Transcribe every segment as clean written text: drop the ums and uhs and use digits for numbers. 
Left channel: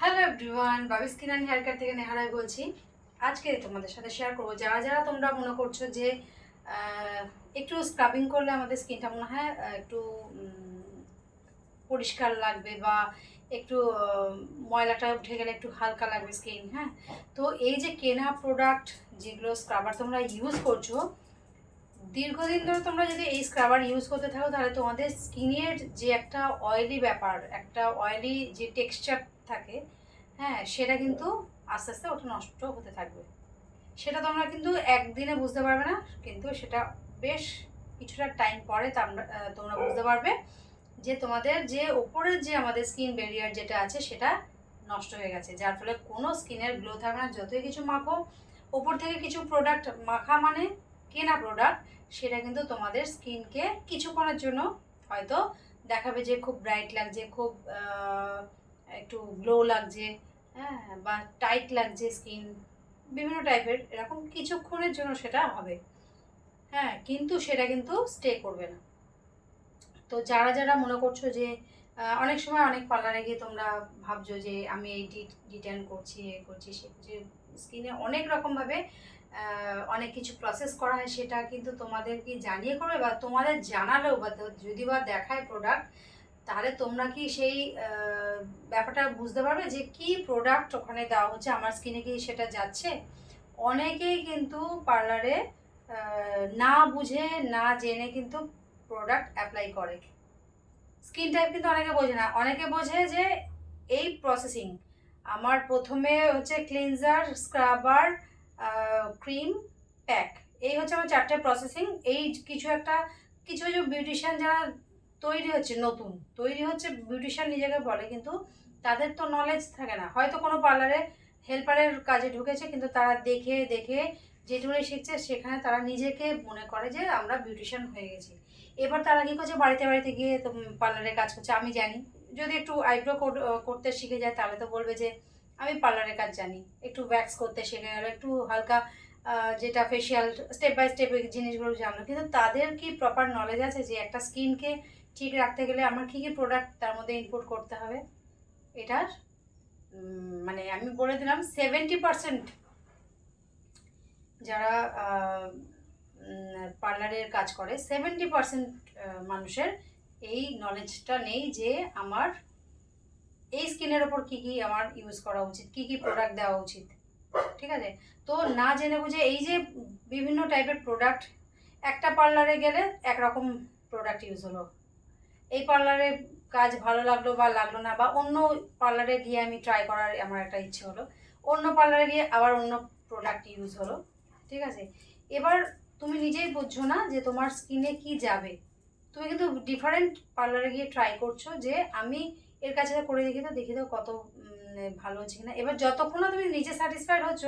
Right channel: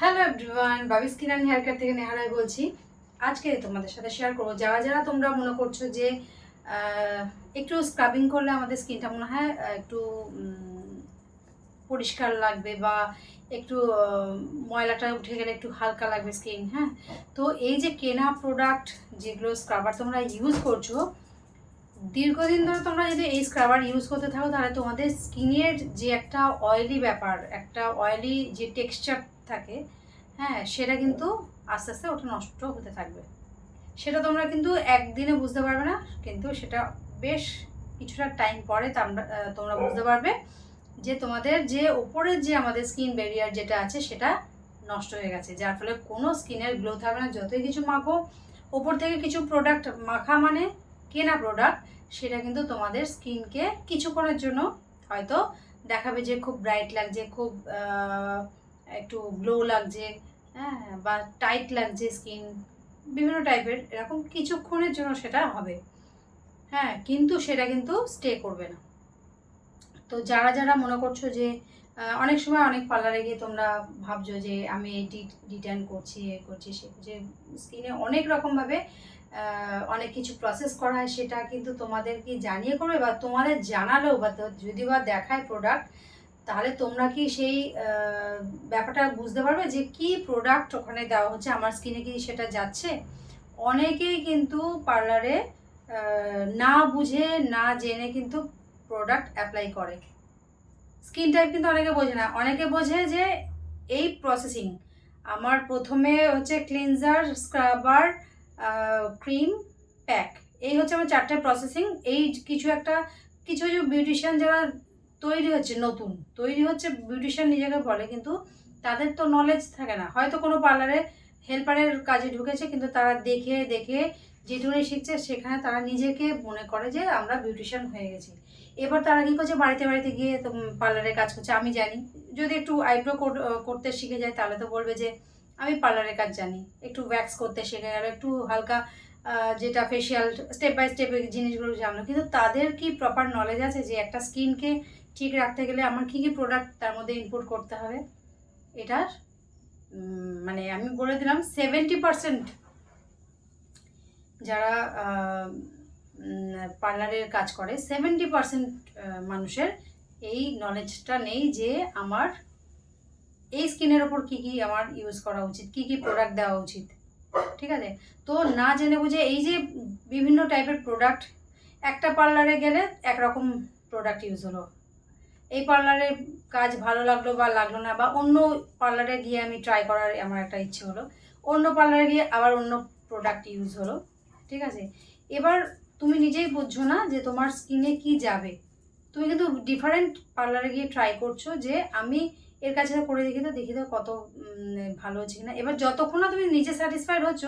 Hello everyone, Babi skin and hair care থেকে নেহারাই বলছি। আজকে তোমাদের সাথে শেয়ার করবো যারা যারা তোমরা মনে করছো যে একটু স্ক্রাবিং করলে আমাদের স্কিনটা মনে হয় একটু পরিষ্কার লাগবে বা একটু ময়লাটা উঠে গেলে একটু হালকা লাগবে স্কিন। হ্যাঁ, তো এই যে কেনা প্রোডাক্ট যেগুলো স্ক্রাবার তোমরা ইউজ করছো, দীর্ঘদিন ধরে তোমরা যদি এই স্ক্রাবার ইউজ করতে থাকো তাহলে তোমাদের স্কিনের যে একটা অয়েলি ব্যাপার, একটা অয়েলি যে টেক্সচার থাকে, হ্যাঁ, সেটা কিন্তু আস্তে আস্তে ওটা নষ্ট হতে থাকবে। সেটা তোমরা কিন্তু একদিনে বুঝতে পারবে না, কিন্তু সেটা বেশ কিছুটা টাইম পরে তোমরা বুঝতে পারবে যে তোমাদের যে ওপরের যে আমাদের স্কিন ব্যারিয়ার যেটা আছে সেটা নষ্ট হয়ে গেছে, যার ফলে কোনো স্কিনের গ্লো থাকবে না। যতই কিছু মাখো, ওপর থেকে কিছু প্রোডাক্ট মাখা মানে কেনা প্রোডাক্ট, সেটা কিন্তু তোমাদের স্কিনকে কিছুক্ষণের জন্য হয়তো দেখাবে যে খুব ব্রাইট লাগছে, খুব একটু গ্লো লাগছে, হ্যাঁ, বা টাইট লাগছে স্কিন, বিভিন্ন টাইপের এরকম কিছুক্ষণের জন্য সেটা হবে। হ্যাঁ, কিন্তু সেটা কিন্তু স্টে করবে না। তো যারা যারা মনে করছো যে অনেক সময় অনেক পার্লারে গিয়ে তোমরা ভাবছো যে আমি এই ডিটেন করছি, এ করছি, সে করছি, স্কিনে অনেক রকমভাবে অনেক কিছু প্রসেস করা হয়, সেটা কিন্তু তোমাদের কি জানিয়ে করবে বা তোমাদের জানালেও বা যদি বা দেখায় প্রোডাক্ট, তাহলে তোমরা কি সেই ব্যাপারটা বুঝতে পারবে যে কি প্রোডাক্ট ওখানে দেওয়া হচ্ছে, আমার স্কিনে কি সেটা যাচ্ছে। অনেকেই কিন্তু পার্লারে না বুঝে না জেনে কিন্তু প্রোডাক্ট অ্যাপ্লাই করে। স্কিন টাইপ কিন্তু অনেকে বোঝে না, অনেকে বোঝে যে এই প্রসেসিং আমার প্রথমে হচ্ছে ক্লিনজার, স্ক্রাবার, ক্রিম, প্যাক, এই হচ্ছে আমার চারটে প্রসেসিং। এই কিছু একটা কিছু কিছু বিউটিশিয়ান যারা তৈরি হচ্ছে, নতুন তৈরি হচ্ছে বিউটিশিয়ান নিজেকে বলে, কিন্তু তাদের তো নলেজ থাকে না, হয়তো কোনো পার্লারে হেল্পারের কাজে ঢুকেছে, কিন্তু তারা দেখে দেখে যেটুকুনি শিখছে সেখানে তারা নিজেকে মনে করে যে আমরা বিউটিশিয়ান হয়ে গেছি। এবার তারা কী করছে, বাড়িতে বাড়িতে গিয়ে তো পার্লারে কাজ করছে। আমি জানি, যদি একটু আইব্রো করতে শিখে যায় তাহলে তো বলবে যে আমি পার্লারের কাজ জানি। একটু ওয়্যাক্স করতে শিখে গেল, একটু হালকা যেটা ফেশিয়াল স্টেপ বাই স্টেপ এই জিনিসগুলো জানলো, কিন্তু তাদের কি প্রপার নলেজ আছে যে একটা স্কিনকে ঠিক রাখতে গেলে আমার কী কী প্রোডাক্ট তার মধ্যে ইনপুট করতে হবে। এটার মানে আমি বলে দিলাম 70% যারা পার্লারের কাজ করে, 70% মানুষের এই নলেজটা নেই যে আমার এই স্কিনের ওপর কী কী আমার ইউজ করা উচিত, কী কী প্রোডাক্ট দেওয়া উচিত। ঠিক আছে, তো না জেনে বুঝে এই যে বিভিন্ন টাইপের প্রোডাক্ট, একটা পার্লারে গেলে একরকম প্রোডাক্ট ইউজ হলো, এই পার্লারের কাজ ভালো লাগলো বা লাগলো না, বা অন্য পার্লারে গিয়ে আমি ট্রাই করার আমার একটা ইচ্ছে হলো, অন্য পার্লারে গিয়ে আবার অন্য প্রোডাক্ট ইউজ হলো। ঠিক আছে, এবার তুমি নিজেই বুঝছো না যে তোমার স্কিনে কি যাবে। তুমি কিন্তু ডিফারেন্ট পার্লারে গিয়ে ট্রাই করছো যে আমি এর কাছে করে দেখি তো কত ভালো হচ্ছে কিনা। এবার যতক্ষণ না তুমি নিজে স্যাটিসফাইড হচ্ছ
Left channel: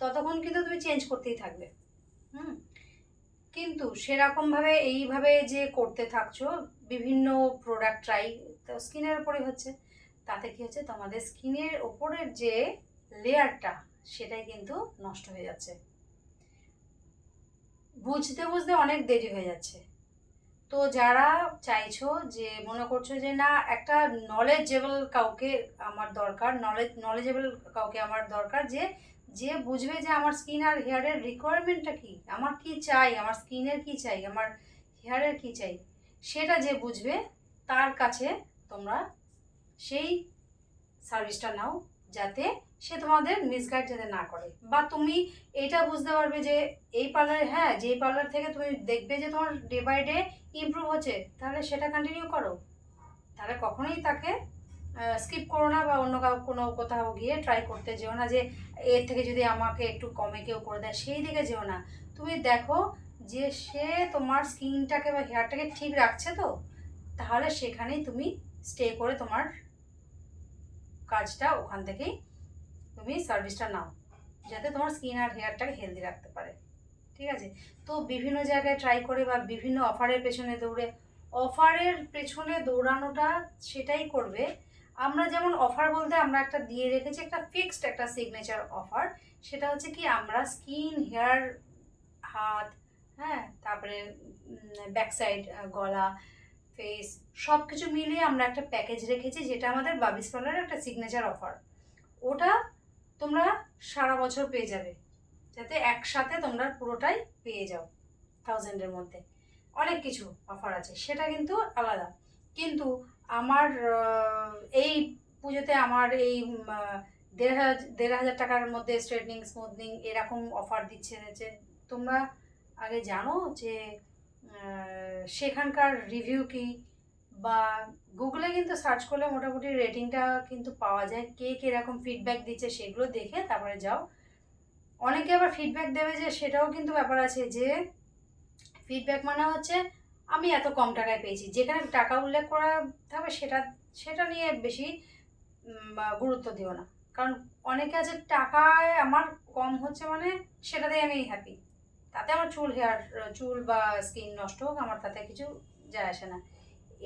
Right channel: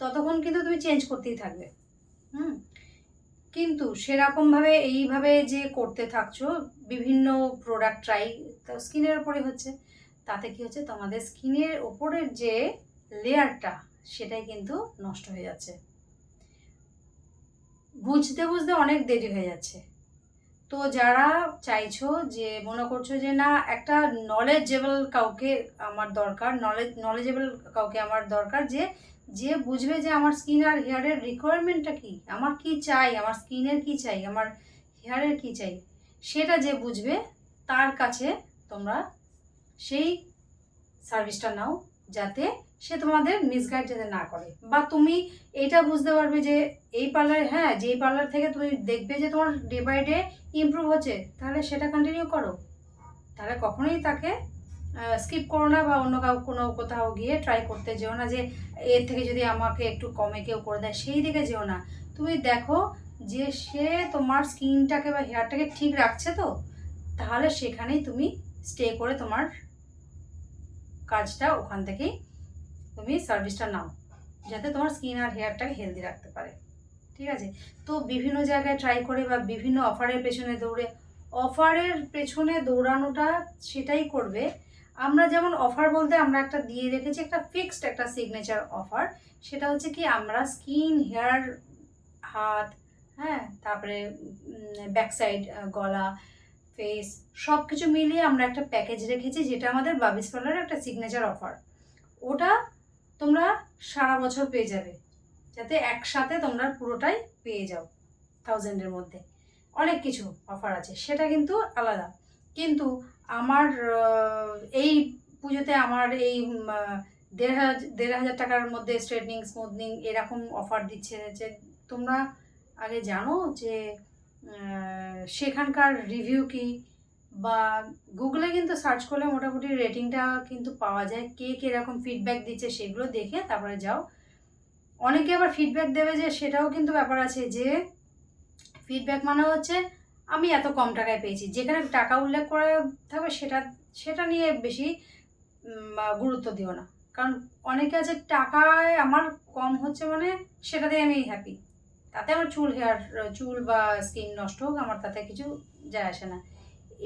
ততক্ষণ কিন্তু তুমি চেঞ্জ করতেই থাকবে। হুম, কিন্তু সেরকমভাবে এইভাবে যে করতে থাকছো বিভিন্ন প্রোডাক্ট ট্রাই, তো স্কিনের ওপরে হচ্ছে, তাতে কি হচ্ছে, তোমাদের স্কিনের ওপরের যে লেয়ারটা সেটাই কিন্তু নষ্ট হয়ে যাচ্ছে। বুঝতে বুঝতে অনেক দেরি হয়ে যাচ্ছে। তো যারা চাইছো যে মনে করছো যে না, একটা নলেজেবল কাউকে আমার দরকার, নলেজেবল কাউকে আমার দরকার, যে যে বুঝবে যে আমার স্কিন আর হেয়ারের রিকোয়ারমেন্টটা কী, আমার কি চাই, আমার স্কিনের কি চাই, আমার হেয়ারের কি চাই, সেটা যে বুঝবে, তার কাছে তোমরা সেই সার্ভিসটা নাও, যাতে সে তোমাদের মিসগাইড যাতে না করে। বা তুমি এইটা বুঝতে পারবে যে এই পার্লারে, হ্যাঁ, যেই পার্লার থেকে তুমি দেখবে যে তোমার ডে বাই ডে ইমপ্রুভ হচ্ছে, তাহলে সেটা কন্টিনিউ করো। তাহলে কখনোই তাকে স্কিপ করো না, বা অন্য কোনো কোথাও গিয়ে ট্রাই করতে যেও না যে এর থেকে যদি আমাকে একটু কমে কেউ করে দেয় সেই দিকে যেও না। তুমি দেখো যে সে তোমার স্কিনটাকে বা হেয়ারটাকে ঠিক রাখছে তো, তাহলে সেখানেই তুমি স্টে করে তোমার কাজটা ওখান থেকেই তুমি সার্ভিসটা নাও, যাতে তোমার স্কিন আর হেয়ারটাকে হেলদি রাখতে পারে। ঠিক আছে, তো বিভিন্ন জায়গায় ট্রাই করে বা বিভিন্ন অফারের পেছনে দৌড়ে, অফারের পেছনে দৌড়ানোটা সেটাই করবে। আমরা যেমন অফার বলতে আমরা একটা দিয়ে রেখেছি, একটা ফিক্সড একটা সিগনেচার অফার, সেটা হচ্ছে কি আমরা স্কিন, হেয়ার, হাত, হ্যাঁ, তারপরে ব্যাক সাইড, গলা, ফেস, সব কিছু মিলিয়ে আমরা একটা প্যাকেজ রেখেছি, যেটা আমাদের বাবিস পার্লারের একটা সিগনেচার অফার। ওটা তোমরা সারা বছর পেয়ে যাবে, যাতে একসাথে তোমরা পুরোটাই পেয়ে যাও 1000-এর মধ্যে। অনেক কিছু অফার আছে, সেটা কিন্তু আলাদা। কিন্তু আমার এই পুজোতে আমার এই 1,500 টাকার মধ্যে স্ট্রেটনিং স্মুথনিং এরকম অফার দিচ্ছে যে তোমরা আগে জানো যে সেখানকার রিভিউ কি, বা গুগলে কিন্তু সার্চ করলে মোটামুটি রেটিংটা কিন্তু পাওয়া যায়, কে কীরকম ফিডব্যাক দিচ্ছে সেগুলো দেখে তারপরে যাও। অনেকে আবার ফিডব্যাক দেবে যে সেটাও কিন্তু ব্যাপার আছে, যে ফিডব্যাক মানে হচ্ছে আমি এত কম টাকায় পেয়েছি, যেখানে টাকা উল্লেখ করা থাকবে সেটা সেটা নিয়ে বেশি গুরুত্ব দিও না। কারণ অনেকে আছে টাকায় আমার কম হচ্ছে মানে সেটাতেই আমি হ্যাপি, তাতে আমার চুল বা স্কিন নষ্ট হোক আমার তাতে কিছু যায় আসে না।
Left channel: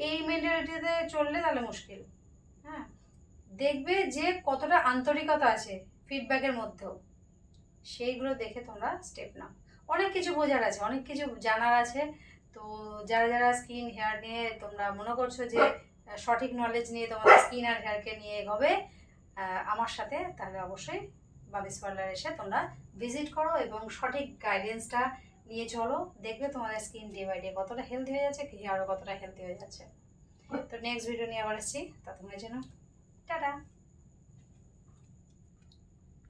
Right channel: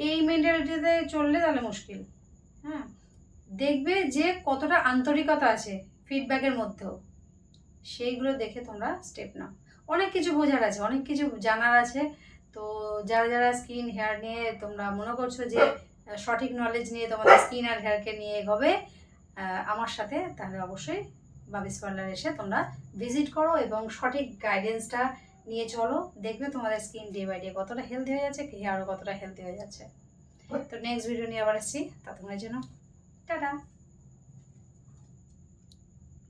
এই মেন্টালিটিতে চললে তাহলে মুশকিল। হ্যাঁ, দেখবে যে কতটা আন্তরিকতা আছে ফিডব্যাকের মধ্যেও, সেইগুলো দেখে তোমরা স্টেপ নাও। অনেক কিছু বোঝার আছে, অনেক কিছু জানার আছে। তো যারা যারা স্কিন হেয়ার নিয়ে তোমরা মনে করছো যে সঠিক নলেজ নিয়ে তোমাদের স্কিন আর হেয়ারকে নিয়ে এগোবে আমার সাথে, তাহলে অবশ্যই বাবিস পার্লার এসে তোমরা ভিজিট করো এবং সঠিক গাইডেন্সটা নিয়ে চলো। দেখবে তোমাদের স্কিন ডে বাই ডে কতটা হেলদি হয়ে যাচ্ছে, হেয়ারও কতটা হেলদি হয়ে যাচ্ছে। তো নেক্সট ভিডিও নিয়ে আবার আসছি, ততক্ষণের জন্য টাটা।